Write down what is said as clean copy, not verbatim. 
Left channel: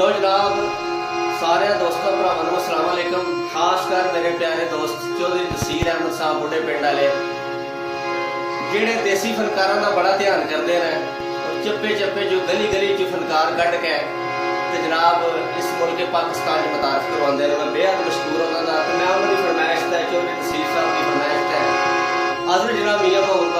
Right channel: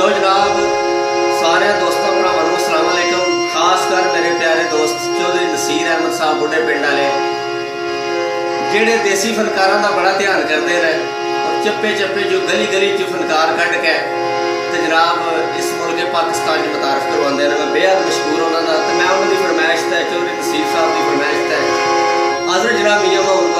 लो जनाब, सारे दोस्तों भरावां नूं अस्सलाम वालेकुम। खास कर मेरे प्यारे दोस्त चौधरी नसीर अहमद साहब बुढ़े पिंड वाले, जिहड़े देसी फनकारां दा बड़ा ध्यान करते हैं और चप्पे चप्पे जो गली गली च फनकार कढ़ के ते जनाब इस मुल्क पाकिस्तान च मुतारफ करवाते हैं। मैं बेहद मशहूर उन्होंने, तो मैं उन्होंने फरमाइश है चौधरी नसीर साहब की फरमाइश है हाज़िर जनाब मियां महमूद